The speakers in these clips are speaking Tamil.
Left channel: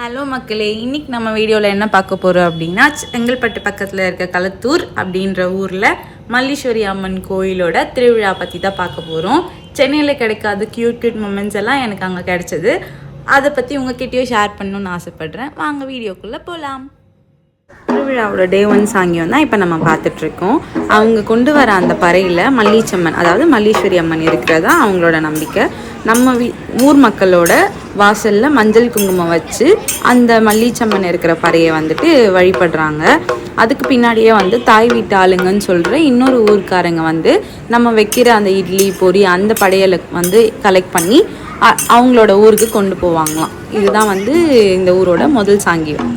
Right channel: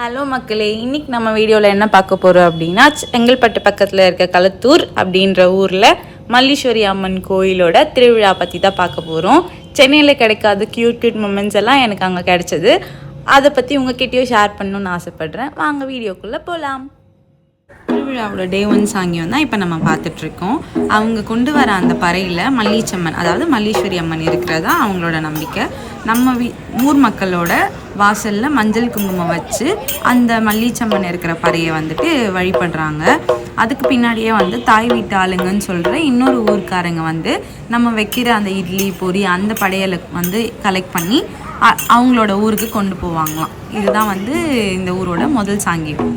ஹலோ மக்களே, இன்றைக்கி நம்ம வீடியோவில் என்ன பார்க்க போகிறோம் அப்படின்னா, செங்கல்பட்டு பக்கத்தில் இருக்க களத்தூர் அப்படின்ற ஊரில் மல்லீஸ்வரி அம்மன் கோயிலோட திருவிழா பற்றி தான் பார்க்க போகிறோம். சென்னையில் கிடைக்காத க்யூட் மூமெண்ட்ஸ் எல்லாம் எனக்கு அங்கே கிடைச்சது. அதை பற்றி உங்ககிட்டயும் ஷேர் பண்ணணுன்னு ஆசைப்பட்றேன். வாங்க வீடியோக்குள்ளே போகலாம். திருவிழாவோட டே 1 சாங்கியம் தான் இப்போ நம்ம பார்த்துட்ருக்கோம். அவங்க கொண்டு வர அந்த பறையில் மல்லீச்சம்மன், அதாவது மல்லீஸ்வரி அம்மன் இருக்கிறதா அவங்களோட நம்பிக்கை. நம்ம ஊர் மக்களோட வாசலில் மஞ்சள் குங்குமம் வச்சு அந்த மல்லீச்சம்மன் இருக்கிற பறையை வந்துட்டு வழிபடுறாங்க. அதுக்கு பின்னாடியே தாய் வீட்டு ஆளுங்கன்னு சொல்கிற இன்னொரு ஊர்க்காரங்க நம்ம வைக்கிற அந்த இட்லி பொரி அந்த படையலை கலெக்ட் பண்ணி அவங்களோட ஊருக்கு கொண்டு போவாங்களாம். இதுதான் இந்த ஊரோட முதல் சாங்கியம்.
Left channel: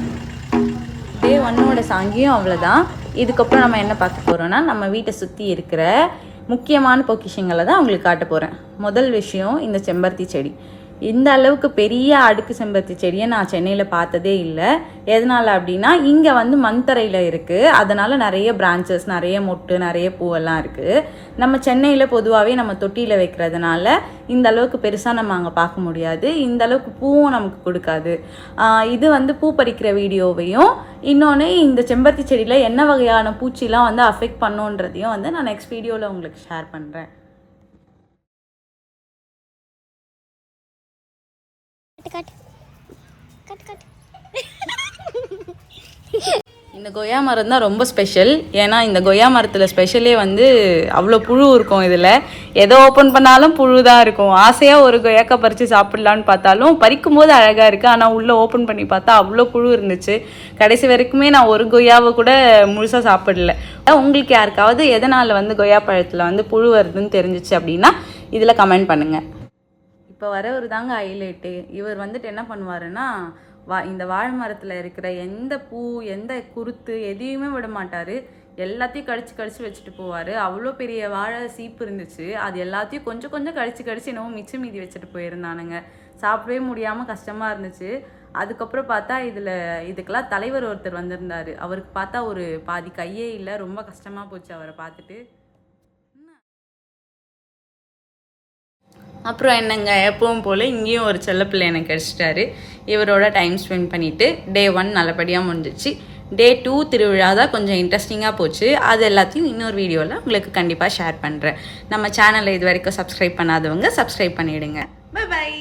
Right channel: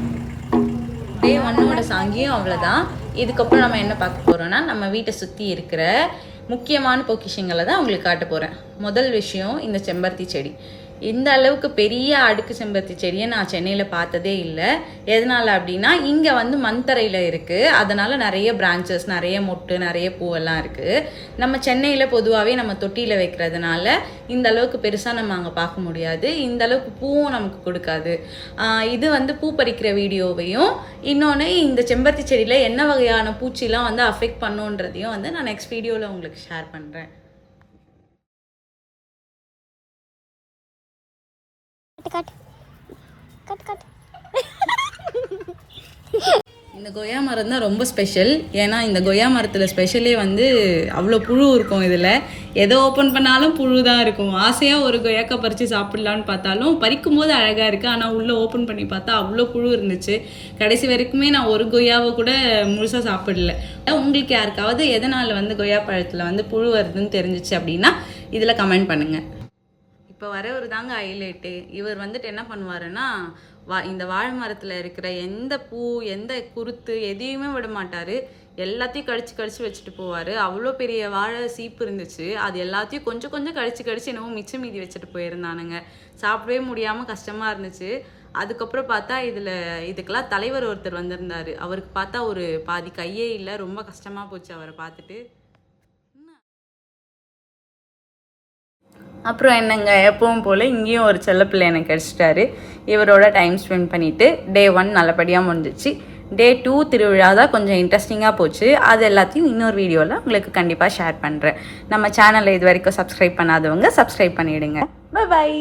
டே 1ஓட சாங்கியம் அவ்வளோதான். இதுக்கப்புறம் நம்ம என்ன பார்க்க போகிறோன்னா, நம்ம வீட்டை சுற்றி இருக்கிற முக்கியமான பொக்கிஷங்களை தான் அவங்களுக்கு காட்ட போகிறேன். முதல் விஷயம், இந்த செம்பருத்தி செடி. இந்த அளவுக்கு பெரிய அடுக்கு செம்பருத்தி செடியை நான் சென்னையில் பார்த்ததே இல்லை. எதனால் அப்படின்னா, இங்கே மண்தரையில் இருக்குது. அதனால் நிறைய பிரான்ச்சஸ், நிறைய மொட்டு, நிறைய பூவெல்லாம் இருக்குது. நம்ம சென்னையில் பொதுவாகவே நம்ம தொட்டியில் வைக்கிறதுனால இந்த அளவுக்கு பெருசாக நம்ம அங்கே பார்க்க முடியாது. இந்த அளவுக்கு பூவும் நமக்கு கொடுக்காது. இது பூ பறிக்கிற வீடியோவையும், இன்னொன்று இந்த செம்பருத்தி செடியில் என்ன வகையான பூச்சிலாம் அஃபெக்ட் பண்ணுன்றதையும் நான் நெக்ஸ்ட் வீடியோவில் உங்களுக்கு ஷேர் பண்ணுறேன். இந்த கொய்யா மரம் தான் ரொம்ப ஸ்பெஷல். ஏன்னா இந்த கொய்யா மரத்தில் ஸ்பெஷலே அவ்வளோ புழு இருக்கும். இதில் எதோ ஓப்பன் பண்ணாலும் புழு தான் இருக்கும். ஆசையாக ஒரு கொய்யாக்காய் பறித்து சாப்பிட்லான்னு பார்த்தாலும் பறிக்கும் போது அழகாக இருக்குது. ஆனால் உள்ளே ஓப்பன் பண்ணி பார்த்தா அவ்வளோ புழு இருந்துச்சு. கடைசி வரைக்குமே நான் ஒரு கொய்யாவை கூட முழுசாக சாப்பிடல. உங்களுக்கு யாருக்காவது எதனால் கொய்யா பழத்தில் புழு வருதுன்னு தெரிஞ்சிச்சு அப்படின்னா இதில் கமெண்ட் பண்ணுங்கள். இப்போ வரவர் தாங்க ஹைலைட்டு. இவர் என்ன பண்ணுவாருன்னா, இந்த வாழை மரத்தில் இருக்கிற எந்த பூ, எந்த குருத்து எதையுமே விட மாட்டார். எல்லாத்தையும் கடிச்சு வச்சுட்டு போவார். அவ்வளோ பெரிய வாழை சீப்பு இருந்துச்சு. அது எல்லாத்தையும் கொஞ்சம் கொஞ்சம் கடிச்சு என்னவோ மிச்சம் மீதி வச்சுட்டு போயிருந்தானுங்க. சாப்பிடவே முடியாமல் கஷ்டமாக இருந்துச்சு. அதுக்கப்புறம் பார்த்தா இதுக்கெல்லாம் தலைவர் ஒருத்தர் வந்திருந்தார். அவருக்கு பார்த்தா ஒரு பாதி கையே இல்லை. ரொம்ப கஷ்டமாக போச்சு அவரை பார்த்துட்டு. அப்புறம் என்னங்க, எப்பவும் போல் இங்கேயும் ஒரு செல்லப்பிள்ளை எனக்கு கிடச்சிட்டாரு. இவரோட டைம் ஸ்பெண்ட் பண்ணிவிட்டு டே 1 நல்லபடியாக முடிஞ்சிச்சு. டே 2 திருவிழா தான் கொஞ்சம் இன்ட்ரெஸ்டிங்காக போச்சு. அது எல்லாத்தையும் இன்னொரு வீடியோவில் உங்களுக்கு கண்டிப்பாக ஷேர் பண்ணுறேன். நம்ம சேனலை இது வரைக்கும் சப்ஸ்கிரைப் பண்ணாதவங்க சப்ஸ்கிரைப் பண்ணிவிடுங்க. பை.